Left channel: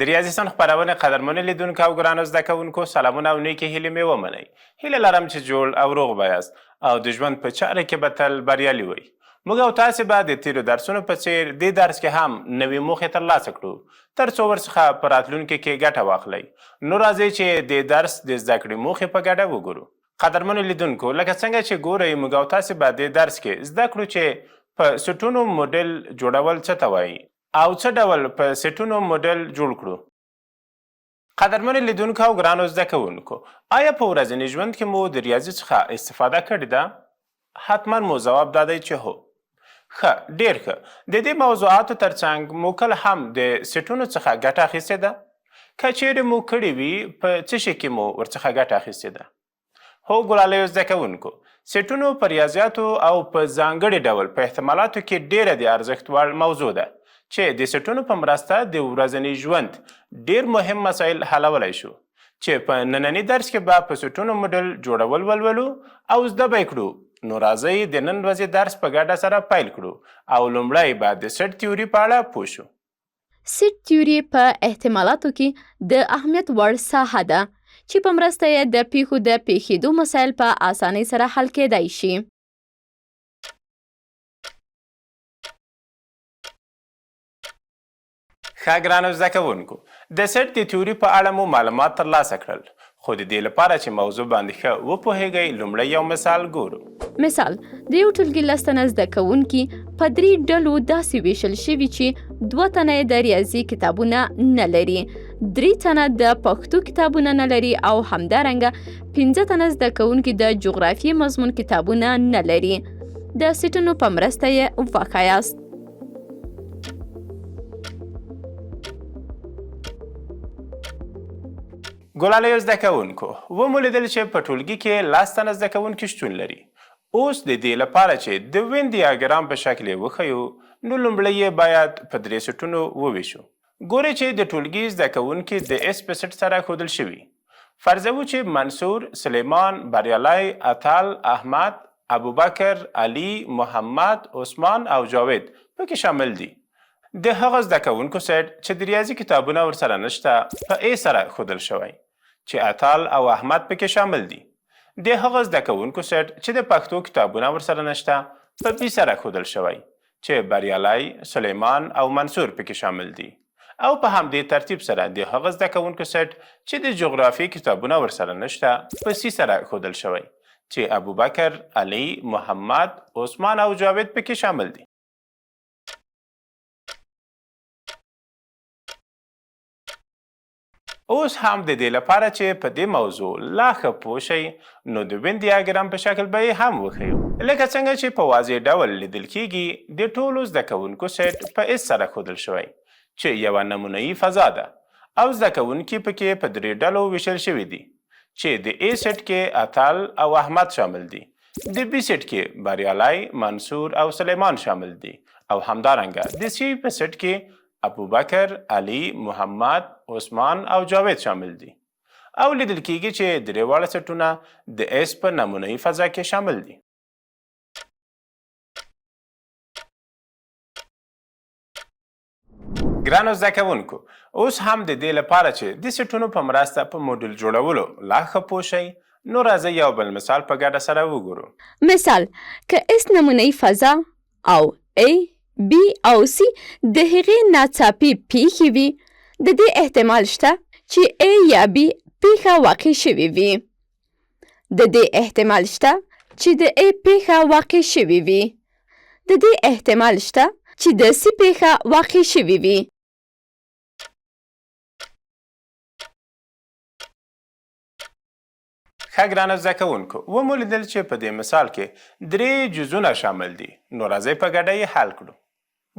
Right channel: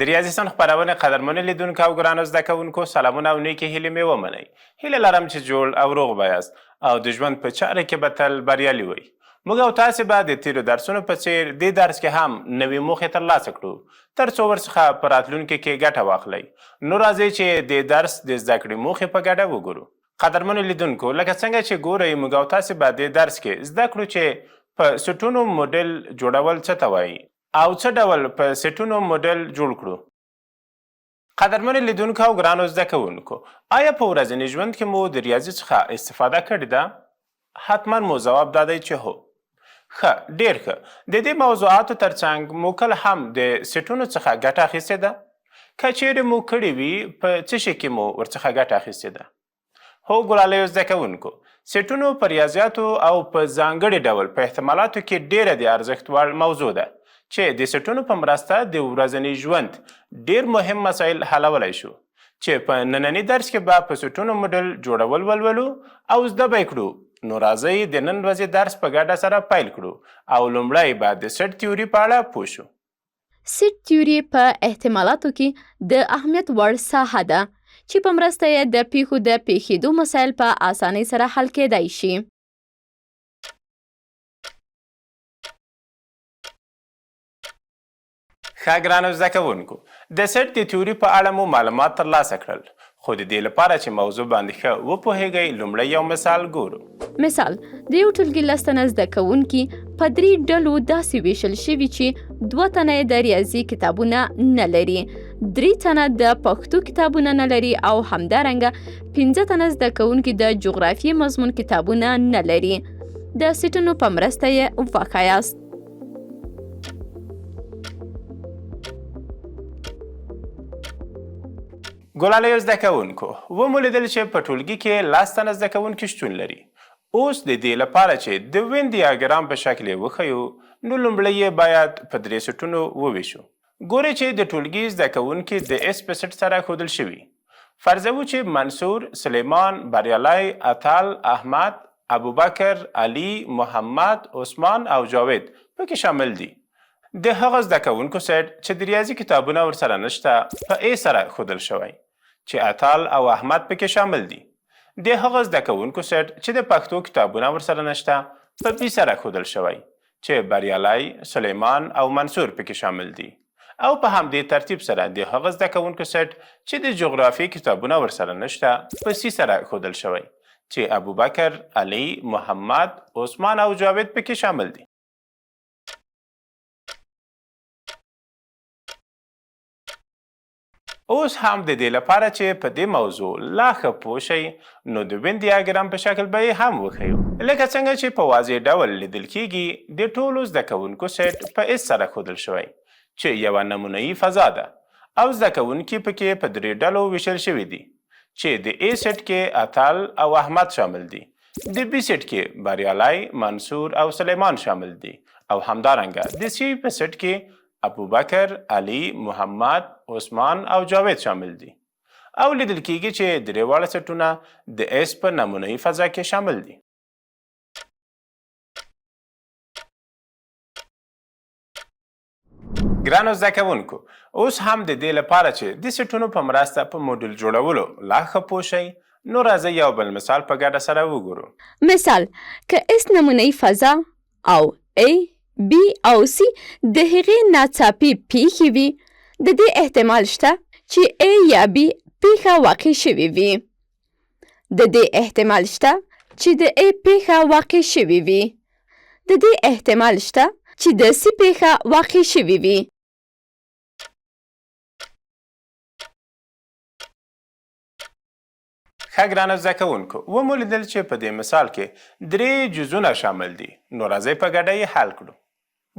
د ریاضي صنف خپرونې قدرمنو لیدونکو او ګرانو زده کوونکو سلامونه او نیکې هیلې مې ومنئ. هیله لرم چې جوړ او روغ به یاست او د ژوند په چاره کې به تل بریالي وئ. موږ او تاسې به د تیرو درسونو په څیر دې درس کې هم نوې موخې ترلاسه کړو تر څو ورڅخه په راتلونکي کې ګټه واخلئ. نو راځئ چې د درس د زده کړې موخې په ګډه وګورو. قدرمنو لیدونکو لکه څنګه چې ګورئ موږ او تاسې به د درس کې زده کړو چې په سټونو موډل جوړول څه ته وایي او څه ډول په سټونو موډل جوړ کړو. قدرمنو لیدونکو او ګرانو زده کوونکو، آیا په ورځني ژوند کې مو د ریاضي څخه استفاده کړې ده؟ حتما مو ځواب دا دی چې هو. ښه، ډېر ښه. د دې موضوعاتو ترڅنګ مو کله هم د سټونو څخه ګټه اخیستې ده؟ که چیرې مو کړې وي په څه شي کې مو ورڅخه ګټه اخیستې ده؟ هو ګلالیو زده کوونکو، سټونو په ریاضیاتو او په ځانګړي ډول په احتمالاتو کې ډېره د ارزښت وړ موضوع ده چې د سټونو په مرسته د ورځني ژوند ډېر مهم مسایل حلولی شو. چې په ننني درس کې به په سټونو موډل جوړول ولولو او زده به یې کړو. نو راځئ د نن ورځې درس په ګډه سره پیل کړو او لومړی به د سټ تیوري په اړه پوه شو. سټ تیوري په احتمالاتو کې د اهمیت وړ ساحه ده چې په مرسته یې د پیښو د پیښېدو مسایل په اسانۍ سره حل کېدای شي. ښه ګرانو زده کوونکو، د سټ د تیوري په اړه مو معلومات ترلاسه کړل، خو د دې لپاره چې موضوع باندې ښه وپوهیږئ لومړی یو مثال ګورو. مثال، د یو ټولګي 10 تنه زده کوونکي په 3 ډلو داسې ویشل شوي چې 2 تنه د ریاضي کتابونه نه لري، 3 تنه د پښتو کتابونه نه لري او همدارنګه 15 تنه زده کوونکي د جغرافیې مضمون کتابونه نه لري. د سټونو په مرسته یې وښایاست. ګلالیو زده کوونکو، ومو لیدل چې په ټولګي کې 10 تنه زده کوونکي شتون لري. اوس د دې لپاره چې د وین ډیاګرام په شکل یې وښیو نو لومړی یې باید په 3 سټونو وویشو. ګورئ چې د ټولګي زده کوونکي د اس په سټ سره ښودل شوي. فرضوو چې منصور، سلیمان، بریالی، اتل، احمد، ابوبکر، علي، محمد، عثمان او جاوید پکې شامل دي. د هغه زده کوونکو سټ چې د ریاضي کتابونه ورسره نشته په ا سره ښودل شوی، چې اتل او احمد پکې شامل دي. د هغه زده کوونکو سټ چې د پښتو کتابونه ورسره نشته په بي سره ښودل شوی، چې بریالی، سلیمان او منصور پکې شامل دي. او په همدې ترتیب سره د هغه زده کوونکو سټ چې د جغرافیې کتابونه ورسره نشته په سي سره ښودل شوی، چې ابوبکر، علي، محمد، عثمان او جاوید پکې شامل دي. اوس هم د دې لپاره چې په دې موضوع لا ښه پوه شئ نو د وین ډیاګرام په شکل به یې هم وښیو. لکه څنګه چې په واضح ډول لیدل کیږي د ټولو زده کوونکو سټ په اس سره ښودل شوی، چې یوه نمونهیي فضا ده او زده کوونکي پکې په 3 ډلو ویشل شوي دي، چې د ا سټ کې اتل او احمد شامل دي، د بي سټ کې بریالی، منصور او سلیمان شامل دي او همدارنګه د سی په سټ کې ابوبکر، علي، محمد، عثمان او جاوید شامل دي. او لیدل کیږي چې 3 واړه سټونه د اس په نمونهیي فضا کې شامل دي. ګرانو زده کوونکو، اوس هم د دې لپاره چې د سټونو په مرسته په موډل جوړولو لا ښه پوه شئ نو راځئ یو بل مثال په ګډه سره وګورو. مثال، که اس نمونهیي فضا او A، B او C د هغې ناڅاپي پیښې وي، د دې احتمال شته چې A یا B پیښه واقع شوې وي. د دې احتمال شته چې د A پیښه واقع شوې وي. د دې احتمال شته چې د C پیښه واقع شوې وي. ښه ګرانو زده کوونکو، ومو لیدل چې په دې مثال کې 3 جزونه شامل دي. نو راځئ په ګډه یې حل کړو.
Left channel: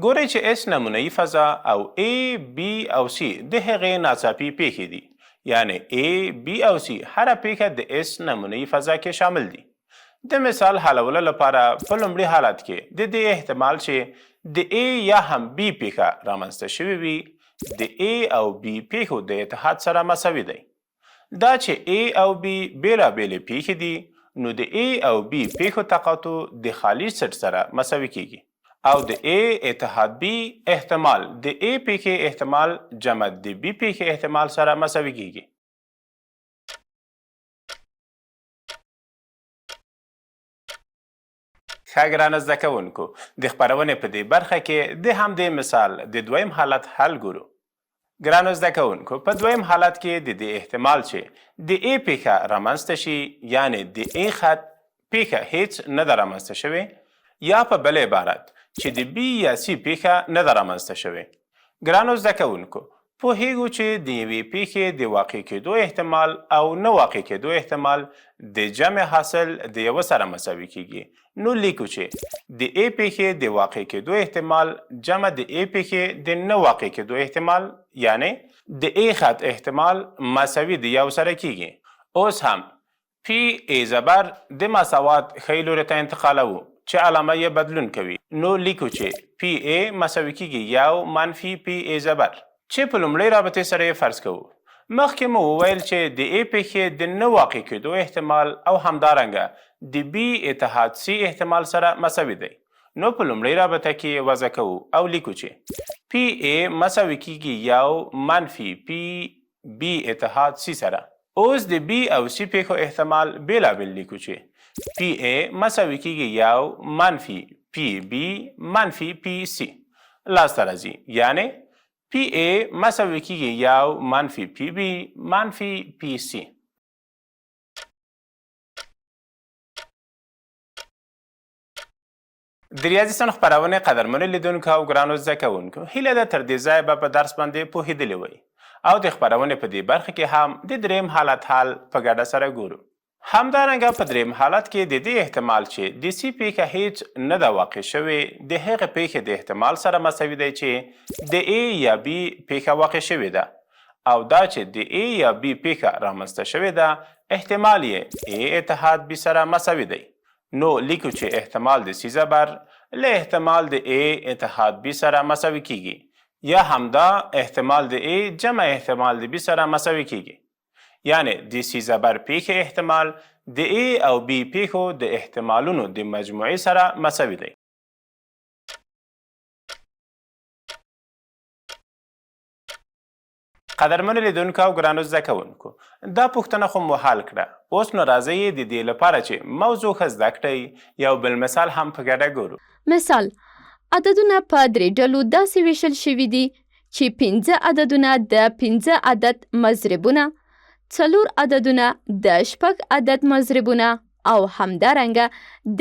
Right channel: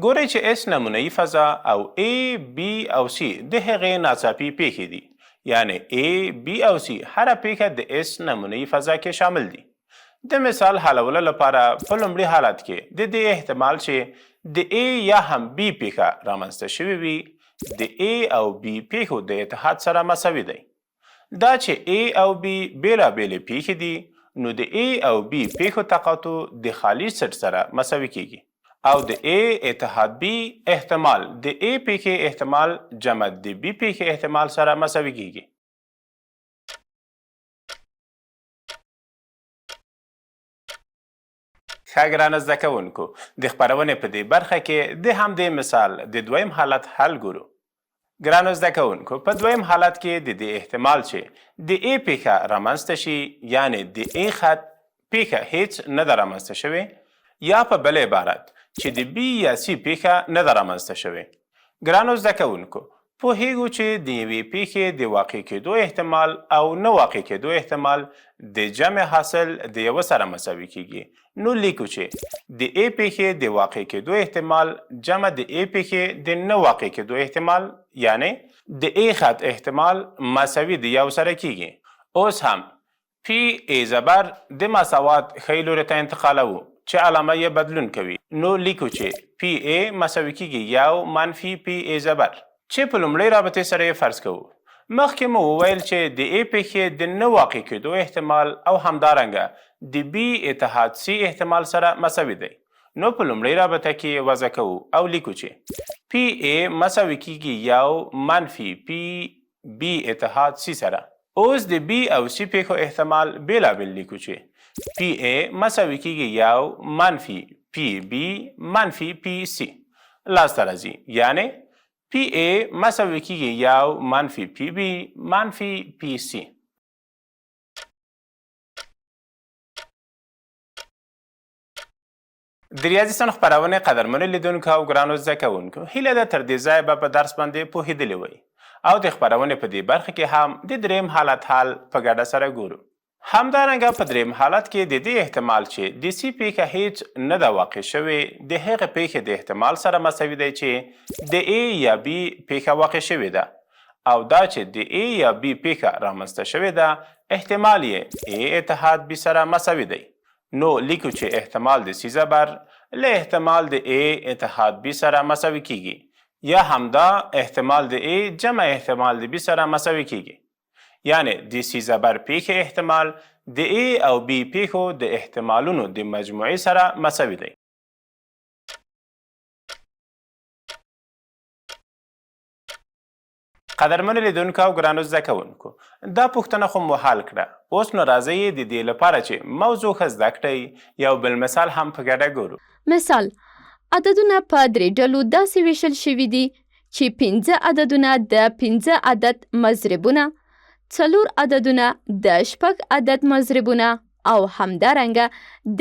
ګورئ چې اس نمونهیي فضا او A، B او C د هغې ناڅاپي پیښې دي، یعنی A، B او C هره پیښه د اس نمونهیي فضا کې شامل دي. د مثال حلولو لپاره په لومړي حالت کې د دې احتمال چې د A یا هم B پیښه رامنځته شوې وي د A او B پیښو د اتحاد سره مساوي دی. دا چې A او B بېلابېلې پیښې دي نو د A او B پیښو تقاطع د خالي سټ سره مساوي کیږي او د A اتحاد B احتمال د A پیښې احتمال جمع د B پیښې احتمال سره مساوي کیږي. ښه ګرانه زده کوونکو د خپرونې په دې برخه کې د همدې مثال د دویم حالت حل ګورو. ګرانو زده کوونکو په دویم حالت کې د دې احتمال چې د A پیښه رامنځته شي یعنی د A خط پیښه هیڅ نه ده رامنځته شوې یا په بل عبارت چې د B یا C پیښه نه ده رامنځته شوې. ګرانو زده کوونکو پوهیږو چې د یوې پیښې د واقع کېدو احتمال او نه واقع کېدو احتمال د جمع حاصل د یو سره مساوي کیږي. نو لیکو چې د A پیښې د واقع کېدو احتمال جمع د A پیښې د نه واقع کېدو احتمال یعنی د A خط احتمال مساوي د یو سره کیږي. اوس هم P A زبر د مساوات ښی لوري ته انتقالوو چې علامه یې بدلون کوي. نو لیکو چې P A مساوي کیږي یو منفي P A زبر چې په لومړۍ رابطې سره یې فرض کوو. مخکې مو وویل چې د A پیښې د نه واقع کېدو احتمال او همدارنګه د B اتحاد C احتمال سره مساوي دی. نو په لومړۍ رابطه کې وضع کوو او لیکو چې P A مساوي کیږي یو منفي P B اتحاد C سره. اوس د B او C پیښو احتمال بېلابېل لیکو چې P A مساوي کیږي یو منفي P B منفي P C لاسته راځي یعنی P A مساوي کیږي یو منفي P B منفي P C. د ریاضي صنف خپرونې قدرمنو لیدونکو او ګرانو زده کوونکو هیله ده تر دې ځایه به په درس باندې پوهېدلي وئ او د خپرونې په دې برخه کې هم د دریم حالت حل په ګډه سره ګورو. همدارنګه په دریم حالت کې د دې احتمال چې د C پیښه هیڅ نه ده واقع شوې د هغې پیښې د احتمال سره مساوي دی چې د A یا B پیښه واقع شوې ده او دا چې د A یا B پیښه رامنځته شوې ده احتمال یې A اتحاد B سره مساوي دی. نو لیکو چې احتمال د C زبر له احتمال د A اتحاد B سره مساوي کیږي یا همدا احتمال د A جمع احتمال د B سره مساوي کیږي. یعنی د C زبر پیښې احتمال د A او B پیښو د احتمالونو د مجموعې سره مساوي دی. قدرمنو لیدونکو او ګرانو زده کوونکو دا پوښتنه خو مو حل کړه. اوس نو راځئ د دې لپاره چې موضوع ښه زده کړئ یو بل مثال هم په ګډه ګورو. مثال عددونه په درې ډلو داسې ویشل شوي دي چې 5 عددونه د 5 عدد مضربونه، 4 عددونه د 6 عدد مضربونه او همدارنګه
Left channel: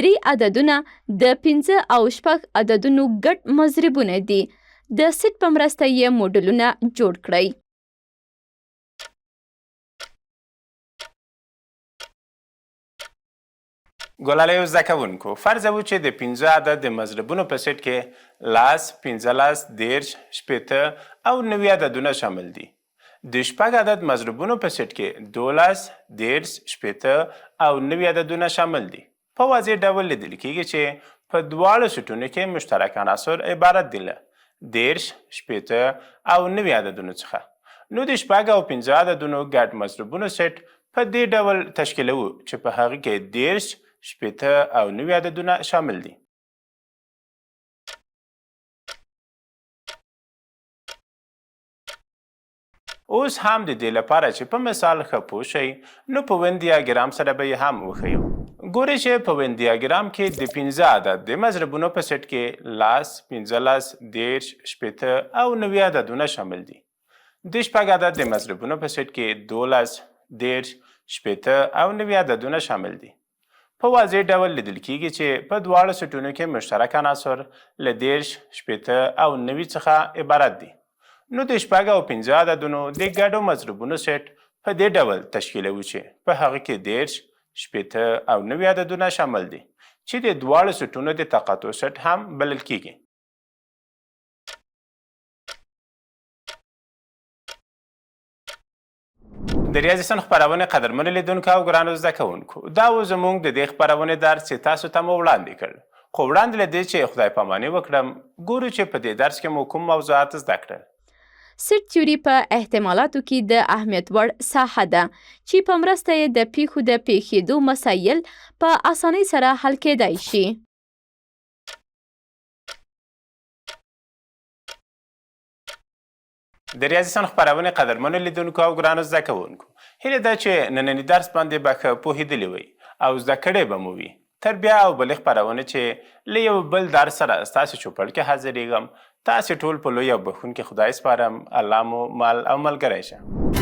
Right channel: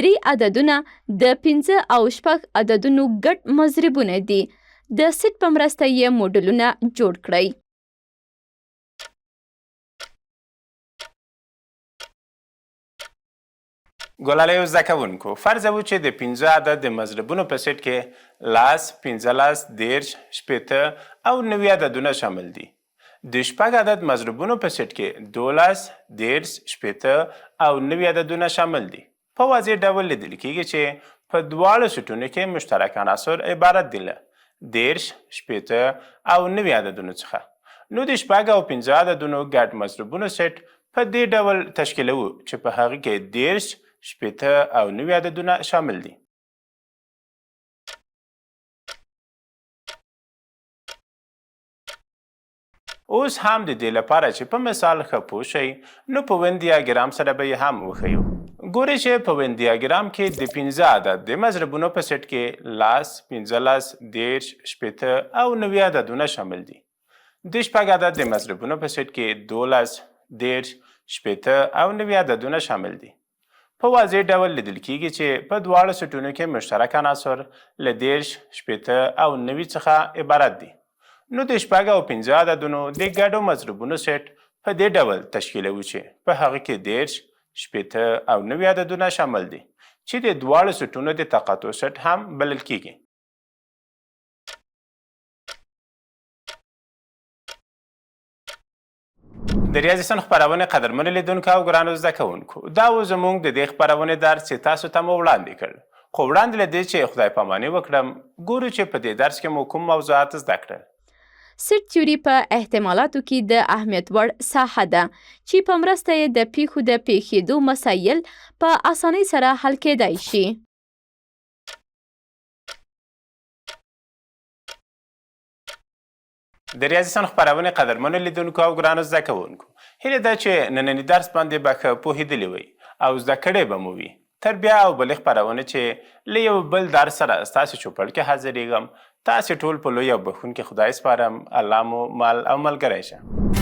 3 عددونه د 5 او 6 عددونو ګډ مضربونه دي. د سیټ په مرسته یې موډلونه جوړ کړئ. ګلالیو زده کوونکو فرضوو چې د 5 عدد د مضربونو په سیټ کې 10 15 10 شپېته او 90 عددونه شامل دي. د 6 عدد مضربونو په سیټ کې 12 10 شپېته او 90 عددونه شامل دي. په واضح ډول لیدل کیږي چې په دواړو سیټونو کې مشترک عناصر عبارت دي له 10 شپېته او 90 عددونو څخه. نو د 6 او 15 عددونو ګډ مضربونو سیټ په دې ډول تشکیلوو چې په هغه کې 10 شپېته او 90 عددونه شامل دي. اوس هم د دې لپاره چې په مثال ښه پوه شئ نو په ون دیاګرام سره به یې هم وښیو. ګورئ چې په ون دیاګرام کې د 15 عدد د مضربونو په سیټ کې 10 15 10 شپېته او 90 عددونه شامل دي. د 6 عدد د مضربونو په سیټ کې 12 10 شپېته او 90 عددونه شامل دي. په واضح ډول لیدل کیږي چې په دواړو سیټونو کې مشترک عناصر له 10 شپېته او 90 څخه عبارت دي. نو د 6 او 15 عددونو د ګډو مضربونو سیټ په دې ډول تشکیلوي چې په هغه کې 10 شپېته او 90 عددونه شامل دي چې د دواړو سیټونو د تقاطع سیټ هم بلل کیږي. د ریاضي صنف خپرونې قدرمنو لیدونکو او ګرانو زده کوونکو دا و زموږ د دې خپرونې درس چې تاسو ته مو وړاندې کړ. خو وړاندې له دې چې خدای پاماني وکړم ګورو چې په دې درس کې مو کوم موضوعات زده کړل. سیټ تیوري په احتمالاتو کې د اهمیت وړ ساحه ده چې په مرسته یې د پیښو د پیښېدو مسایل په اسانۍ سره حل کېدای شي. د ریاضي سن خپرونې قدرمنو لیدونکو او ګرانو زده کوونکو، هیله ده چې ننني درس باندې به ښه پوهېدلي وئ او زده کړی به مو وي. تر بیا او بلې خپرونې چې له یو بل درس سره ستاسې چوپړ کې حاضرېږم، تاسې ټول په لوی او بښونکي خدای سپارم. الله مو مل او ملګری شه.